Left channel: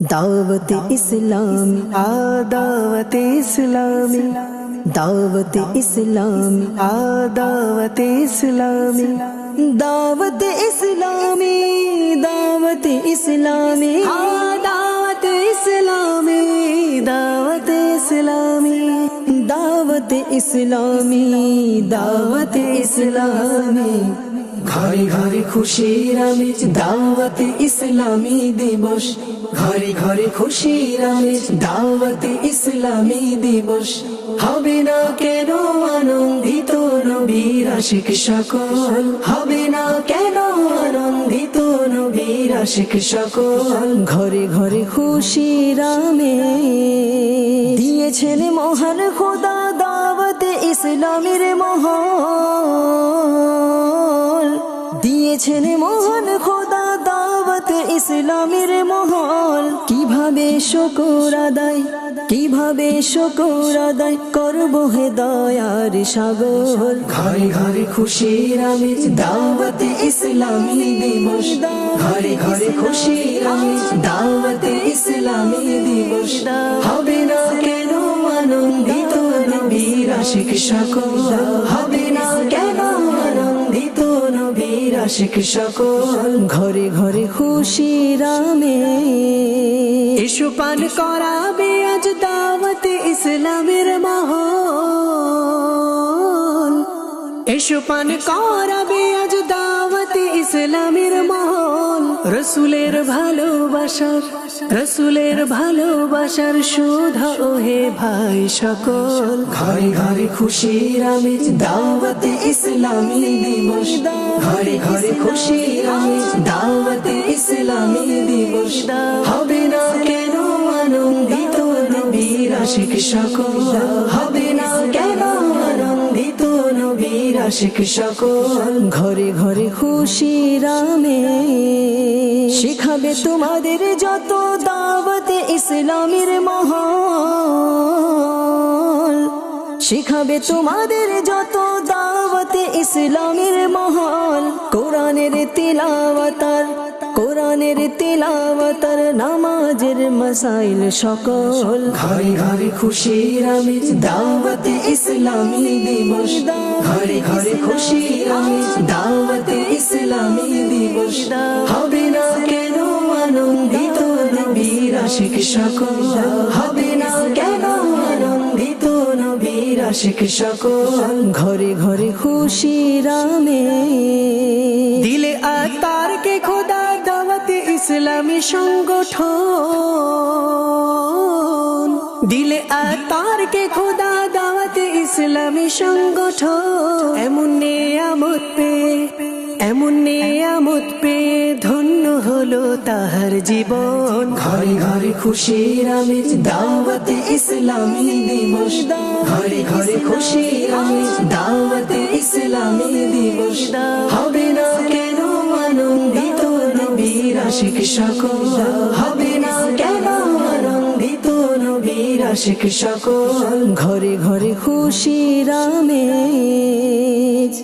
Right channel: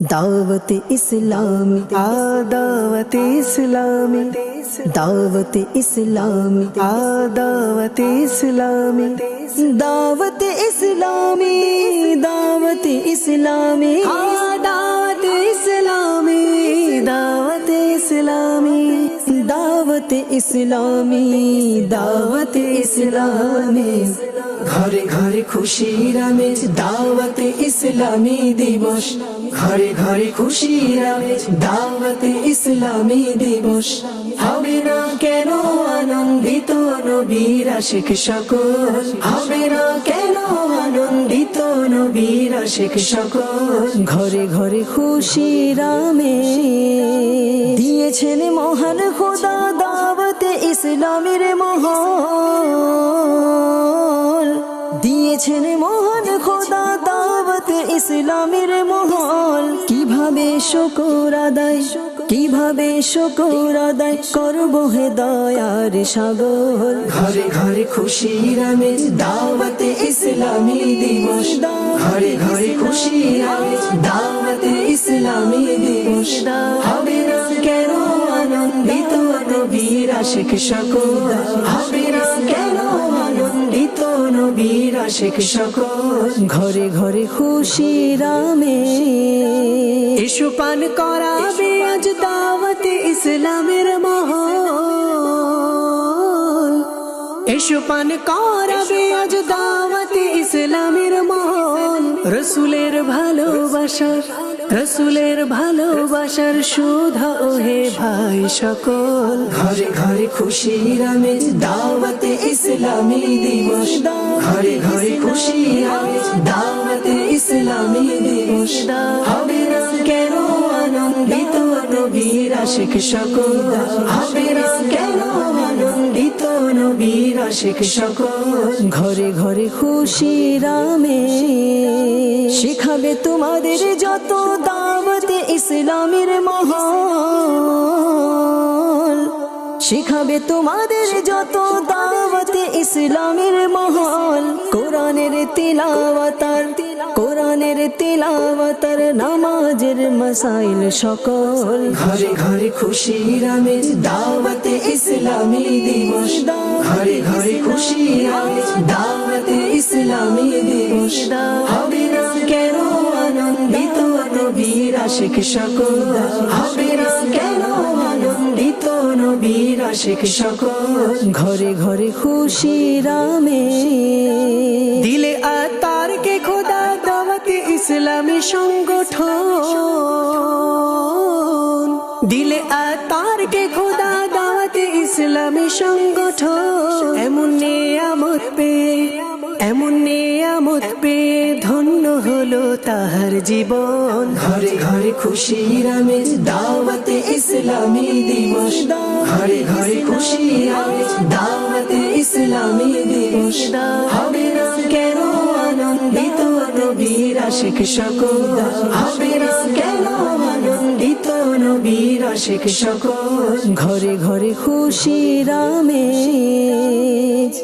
दावत इस्लामी दावत इस्लामी दावत इस्लामी दावत इस्लामी दावत इस्लामी दावत इस्लामी दावत इस्लामी दावत इस्लामी दावत इस्लामी दावत इस्लामी ঘরে ঘরে খুশির আমেজ দাওয়াতে ইসলামী দিবস ঘরে ঘরে খুশির আমেজ দাওয়াতে ইসলামী দিবস হবে না কেন আনন্দিত নবীর আশিক সকল হবে না কেন আনন্দিত নবীর আশিক সকল ঘরে ঘরে খুশির আমেজ দিয়েছেন মহান খোদা দাওয়াত ইসলামের মহল দিয়েছেন মহান খোদা দাওয়াত ইসলামের মহল কিভাবে শুকর আদায় করব হে দয়ার সাগর ঘরে ঘরে খুশির আমেজ দাওয়াতে ইসলামী দিবস ঘরে ঘরে খুশির আমেজ দাওয়াতে ইসলামী দিবস হবে না কেন আনন্দিত নবীর আশিক সকল হবে না কেন আনন্দিত নবীর আশিক সকল ঘরে ঘরে খুশির আমেজ এসো পান করাবে আজ দাওয়াতে ইসলামের মহল এসো পান করাবে আজ দাওয়াতে ইসলামের মহল রসুলের ভালোবাসার সুধা ওহে ভাই সকল ঘরে ঘরে খুশির আমেজ দাওয়াতে ইসলামী দিবস ঘরে ঘরে খুশির আমেজ দাওয়াতে ইসলামী দিবস হবে না কেন আনন্দিত নবীর আশিক সকল হবে না কেন আনন্দিত নবীর আশিক সকল ঘরে ঘরে খুশির আমেজ শিখাবে তোমাদের যত দাওয়াত ইসলামের মহল শিখাবে তোমাদের যত দাওয়াত ইসলামের মহল কোরআনের তিলাওয়াতার নামাজের মাসাইল সকল ঘরে ঘরে খুশির আমেজ দাওয়াতে ইসলামী দিবস ঘরে ঘরে খুশির আমেজ দাওয়াতে ইসলামী দিবস হবে না কেন আনন্দিত নবীর আশিক সকল হবে না কেন আনন্দিত নবীর আশিক সকল ঘরে ঘরে খুশির আমেজ দিলে আতারকে খোদা দাওয়াতে ইসলামী সংগঠন দিলে আতারকে খোদা দাওয়াতে ইসলামী সংগঠন এমন নিয়ামত পেয়ে ধন্য হলো তাহার জীবন ঘরে ঘরে খুশির আমেজ দাওয়াতে ইসলামী দিবস ঘরে ঘরে খুশির আমেজ দাওয়াতে ইসলামী দিবস হবে না কেন আনন্দিত নবীর আশিক সকল হবে না কেন আনন্দিত নবীর আশিক সকল ঘরে ঘরে খুশির আমেজ